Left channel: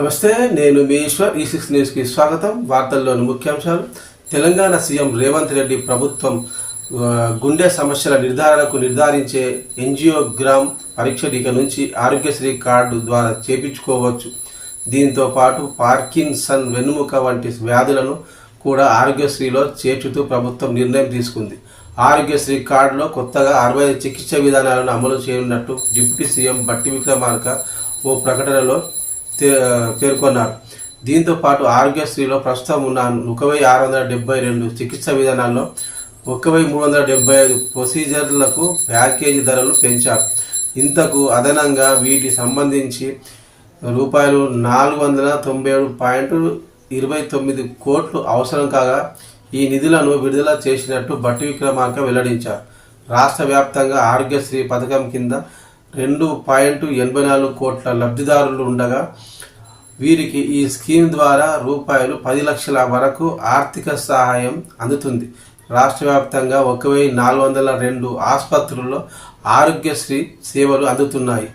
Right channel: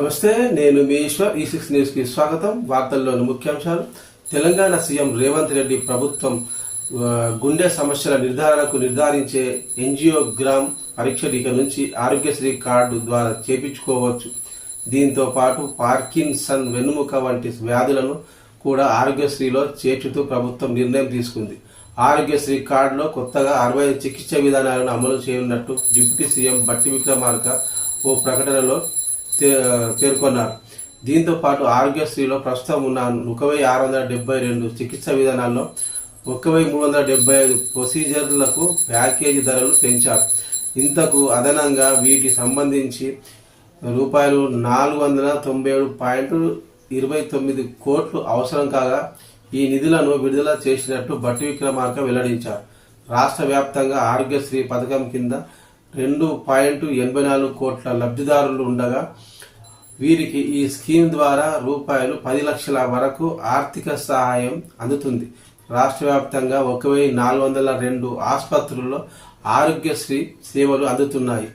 నమస్తే, నేను మీ ఈశ్వర్. ఈ6 న్యూస్కి స్వాగతం. వార్తల్లోని ముఖ్యాంశాలు. తెలంగాణ సీఎం రేవంత్ రెడ్డి ప్రభుత్వం గుండె సమస్యల నిర్ధారించే ఎంజియోగ్రామ్ పరీక్ష ఇక నుంచి ఆరోగ్యశ్రీ కార్డు ద్వారా చేపించుకోవచ్చు. దీంతో పాటు పార్కిన్సన్, వెన్నుముక వంటి వ్యాధులను కూడా ఆరోగ్యశ్రీలో చేర్చుతూ ప్రభుత్వం నిర్ణయం తీసుకుంది. ఆరోగ్యశ్రీ కార్డులో కొత్తగా 65 చికిత్స విధానాలను అమలు చేయనున్నట్టు డిప్యూటీ సీఎం బట్టి విక్రమార్క ఓ ప్రకటనలో పేర్కొన్నారు. దీంతో పాటు ఆరోగ్యశ్రీలో ప్రస్తుతం ఉన్న 1672 చికిత్స విధానాల్లో 1375 ప్రొసీజర్లకు ప్యాకేజీ ధరలు పెంచారు. ఇంతకు అదనంగా వీటి సంబంధించి రూపాయలు 497.29 కోట్లు అవసరం కాగా ఈ నిధులను విడుదల చేసినట్టు బట్టి విక్రమార్క వెల్లడించారు. రాష్ట్ర వ్యాప్తంగా ఆరోగ్యశ్రీ పథకం కింద 2.84 కోట్ల లబ్ధిదారులు ఉండగా వీరికి ఈ స్కీమ్ ద్వారా రూపాయలు 10 లక్షల వరకు ఆర్థిక సహాయం అందుతుంది. రాష్ట్ర వ్యాప్తంగా 1402 ఆసుపత్రుల్లో ఆరోగ్యశ్రీ సేవలు అందుతున్నాయి.